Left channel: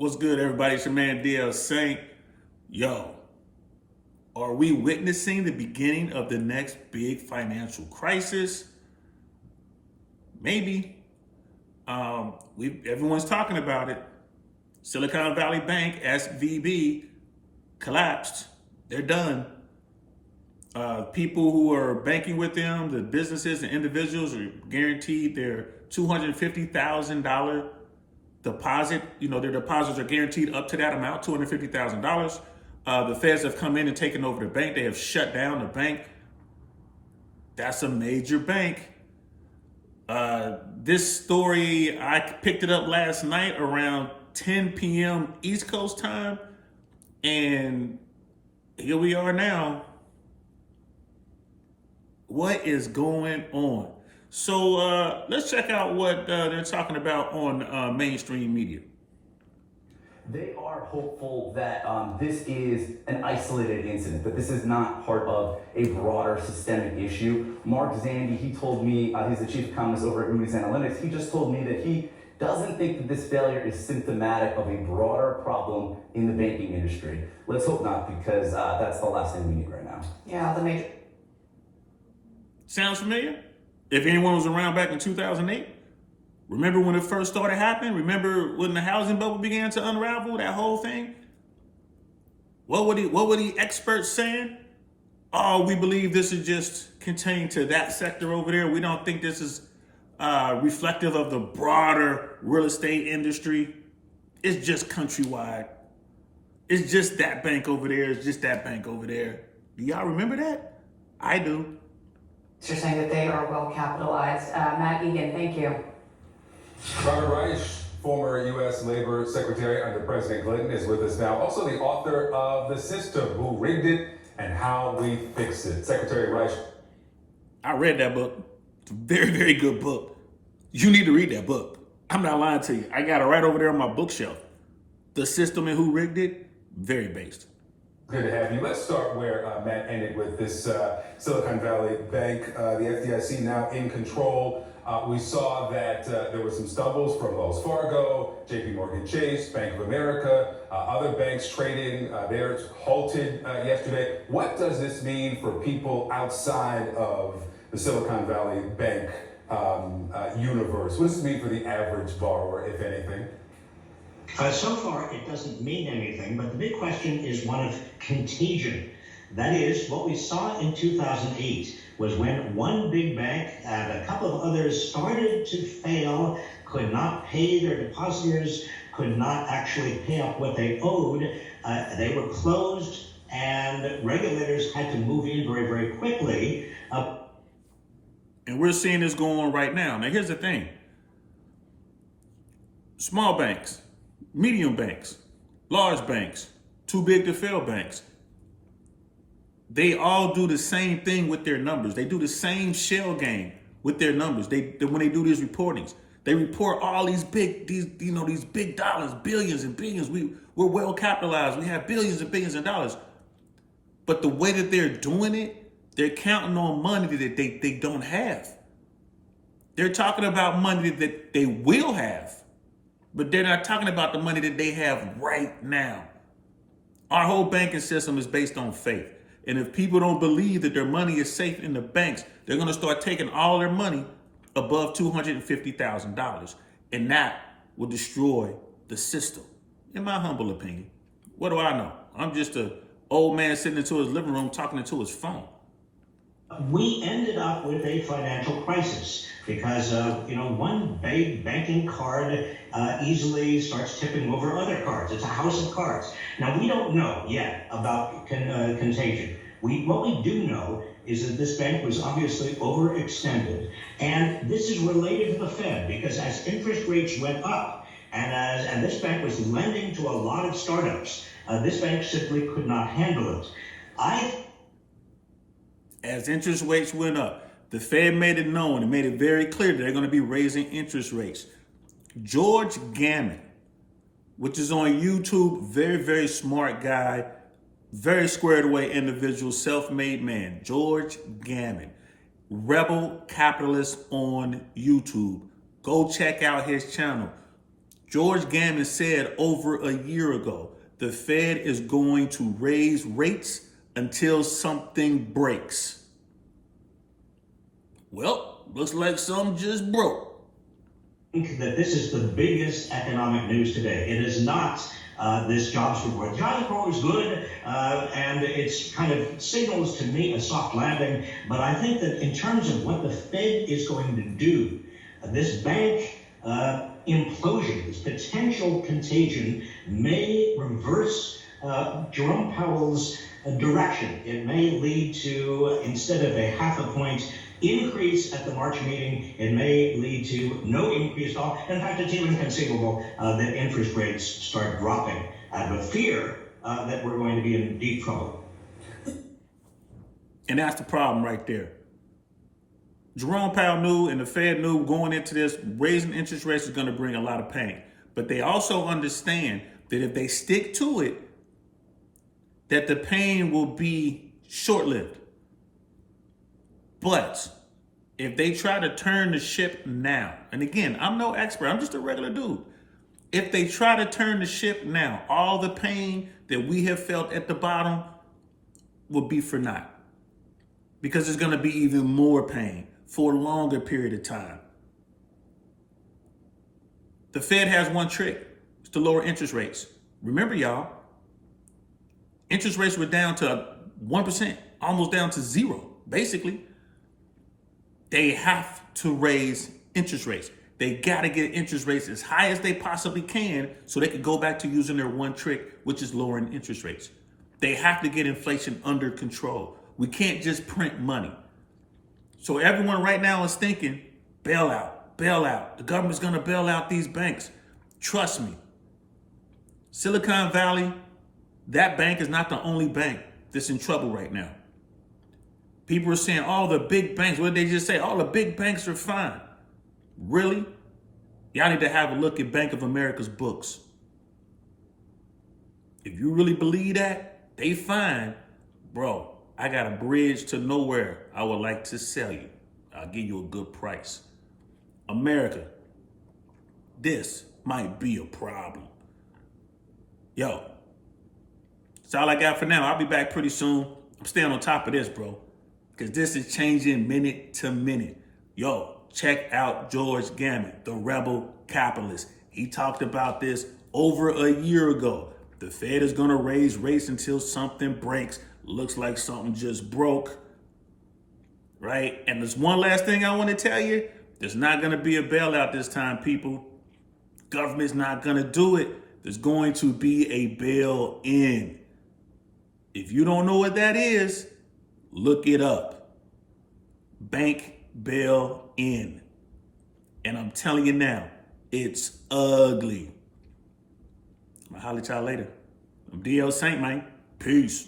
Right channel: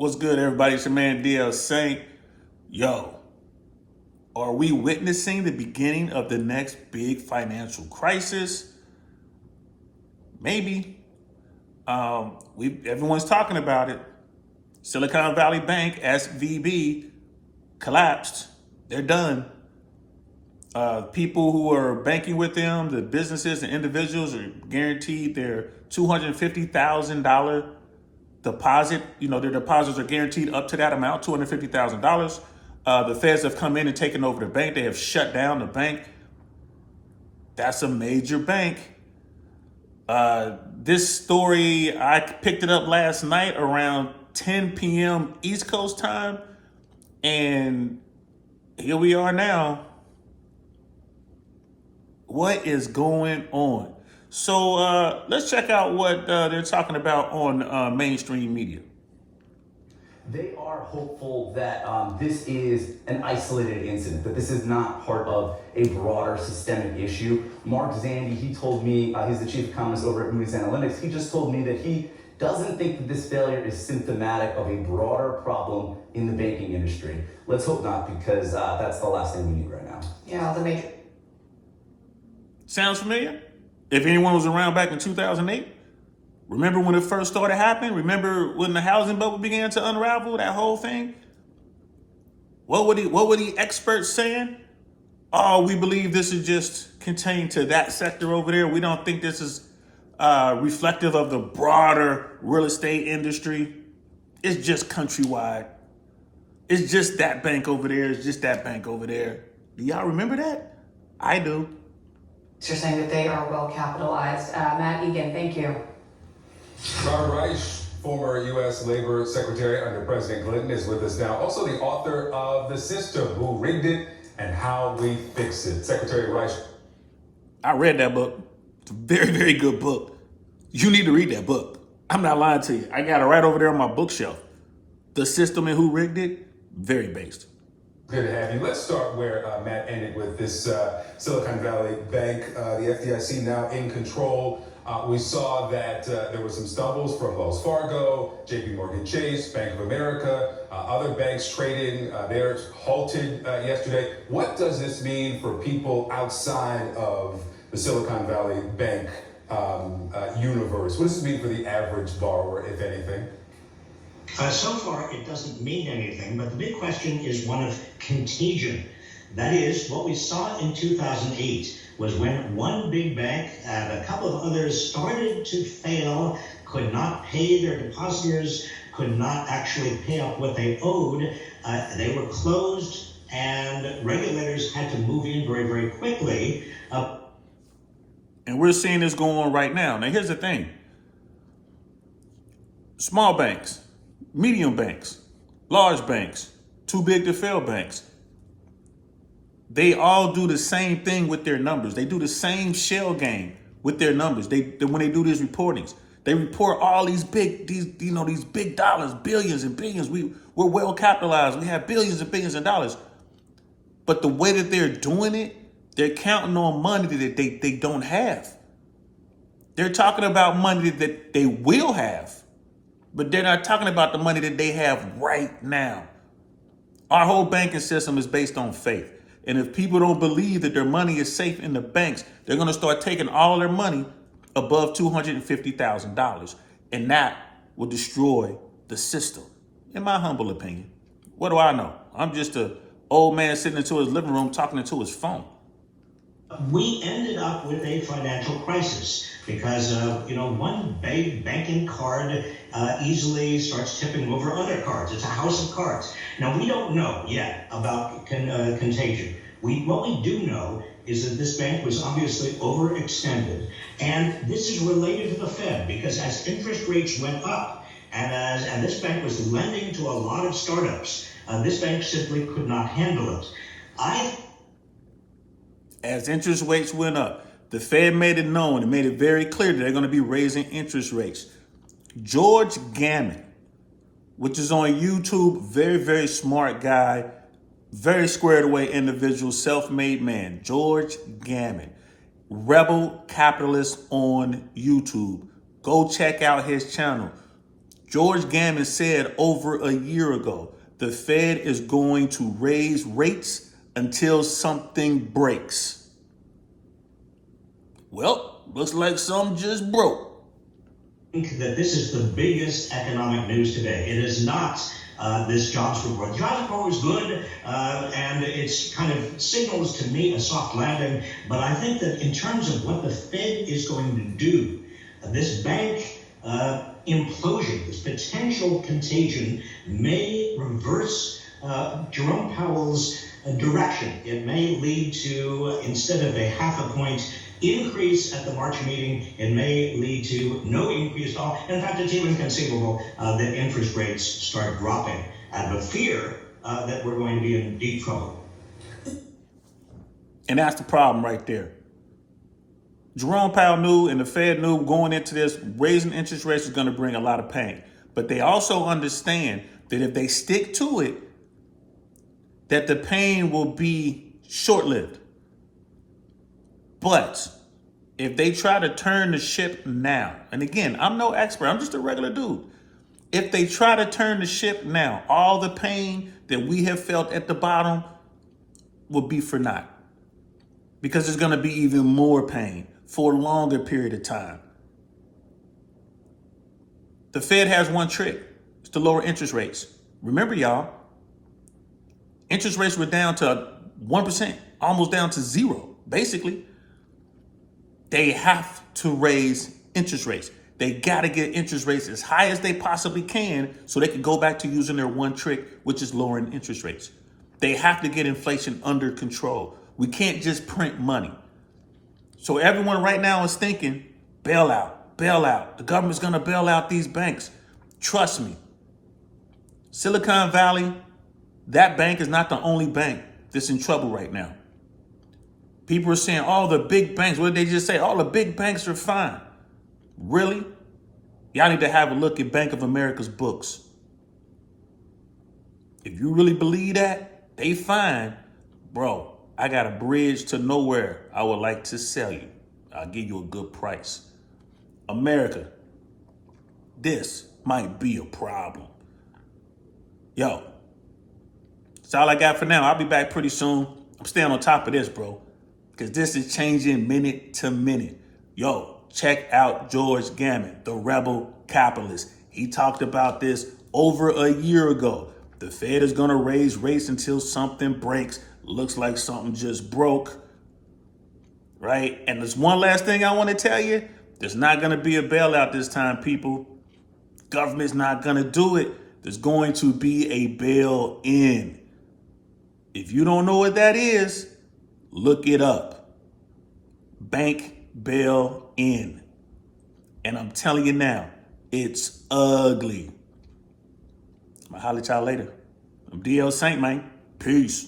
What's good, everybody? It's your man DL Saint. Yo, are we witnessing the beginning of the next big financial crisis? Maybe. Everyone's talking about it. Silicon Valley Bank, SVB, collapsed. They're done. People who are banking with them, the businesses and individuals, are guaranteed their $250,000 deposit. Their deposits are guaranteed up to that amount, $250,000. The feds have come in and taken over the bank. They have shut down the bank. That's a major bank. This story, I picked it up last night around 10 p.m. East Coast time. And here we are now. What is going on? So let's check out what they're talking about on mainstream media. They are hopeful that this is an isolated incident, that this is not part of a broader systemic issue. Mark Zandi, he told me, he's the chief economist over at Moody's Analytics, he just told me that he doesn't think that this failure is symptomatic of a broader problem in the banking industry. Let's hope not, because that's the last thing we need right now. Yeah, the major... Sounds familiar? If anyone was around back in 2008, remember when it first started happening? Remember when the housing bubble began to unravel, that whole thing? What were the experts saying? Oh, we believe this is just contained to that sector over there. We don't think this is reflective of the broader real estate industry. It's just countrywide. It's just that bank over there. It's just that bank over there. Do y'all remember that? I do. You're saying that they are well capitalized. Matt Egan, thank you. Robert Reich, former U.S. Labor Secretary under President Clinton, is with us now. Also the author of The System, Who Rigged It and How We Fix It. Secretary Reich. I read that book. It's a very, very good book. You need to read that book. I'm not lying to you. I got it right over there on my bookshelf. The System and Who Rigged It, very based. Good to have you. Let's start where Matt ended with this Silicon Valley Bank, the FDIC now in control. We saw that there were some stumbles from Wells Fargo, JP Morgan Chase, Bank of America, other banks trading. They're halted yesterday. What does this mean for people outside of the Silicon Valley Bank universe? What does this mean for the average borrower, if anything? So far, it doesn't mean anything, but the big question is one of contagion. That is, what we saw in 2008 was when one big bank and a couple of others started to fail, could not pay their depositors, could not actually pay up what they owed. They were closed, and regulators had to move in very, very quickly. And we're seeing this go on right now. Now, here's the thing. Small banks, medium banks, large banks, too big to fail banks. They all do the same thing with their numbers. They do the same shell game with their numbers. When they do these reportings, they report all these big dollars, billions and billions. We're well capitalized. We have billions and billions of dollars. But the way that they're doing it, they're counting on money that they don't have. They're talking about money that they will have. But they're not talking about the money that they have right now. Our whole banking system is based on faith. And if people don't believe that their money is safe in the banks, they're going to start taking all their money above $250,000. And that will destroy the system, in my humble opinion. What do I know? I'm just an old man sitting into his living room talking into his phone. We ended up with a financial crisis because, one big banking card easily starts tipping over other cards. It's a house of cards. Now, we don't know yet about contagion. What we do know is that this bank was obviously overextended. And this is related to the Fed because as interest rates went up and this bank was lending to a lot of startups, this bank simply could not handle it. As interest rates went up, the Fed made it known and made it very clear that they're going to be raising interest rates. George Gammon, which is on YouTube, very, very smart guy, very squared away individual, self-made man. George Gammon, rebel capitalist on YouTube. Go check out his channel. George Gammon said over a year ago, the Fed is going to raise rates until something breaks. Well, looks like something just broke. I think that this is the biggest economic news today. It is not this jobs report. The jobs report was good, and it's kind of signals to me a soft landing. But I think that in terms of what the Fed is going to do, this bank implosion, this potential contagion, may reverse Jerome Powell's direction. It may lead to, instead of a 0.5 point increase at the March meeting, it may lead to no increase at all. In fact, it's even conceivable that interest rates start dropping out of a fear that we're going to be in deep trouble. And that's the problem right there. Jerome Powell knew and the Fed knew going into this, raising interest rates is going to bring a lot of pain. But they also understand that if they stick to it, that the pain will be short-lived. But if they try to turn the ship now, and again, I'm no expert, I'm just a regular dude. If they try to turn the ship now, all the pain that we have felt at the bottom will be for naught. Because there's going to be even more pain for a longer period of time. The Fed has one trick. It's to lower interest rates. Remember, y'all, interest rates were down to 1%, almost down to zero, basically. They have to raise interest rates. They got to get interest rates as high as they possibly can so they can go back to using their one trick, which is lowering interest rates. They have to get inflation under control. We can't just print money. So everyone right now is thinking, bailout, bailout. The government's going to bail out these banks. Trust me. Silicon Valley, that bank is not the only bank that's in trouble right now. People are saying, oh, the big banks, what did they just say? All the big banks are fine. Really? Y'all need to have a look at Bank of America's books. If you really believe that, they fine. Bro, I got a bridge to nowhere I would like to sell you. I'll give you a good price. America, this might be a problem. Yo, that's all I got for now. I'll be back pretty soon. I'm staying on top of this, bro, because this is changing minute to minute. Yo, check out George Gammon, the rebel capitalist. He talked about this over a year ago. The Fed is going to raise rates until something breaks. Looks like something just broke, right? And there's one last thing I want to tell you. There's not going to be a bailout this time, people. Government's not going to do it. There's going to be a bail-in. If you don't know what that is, look it up. Bank bail-in. And I'm telling you now, it's ugly. I'll holler at y'all later. I'm DL Saint, man. Peace.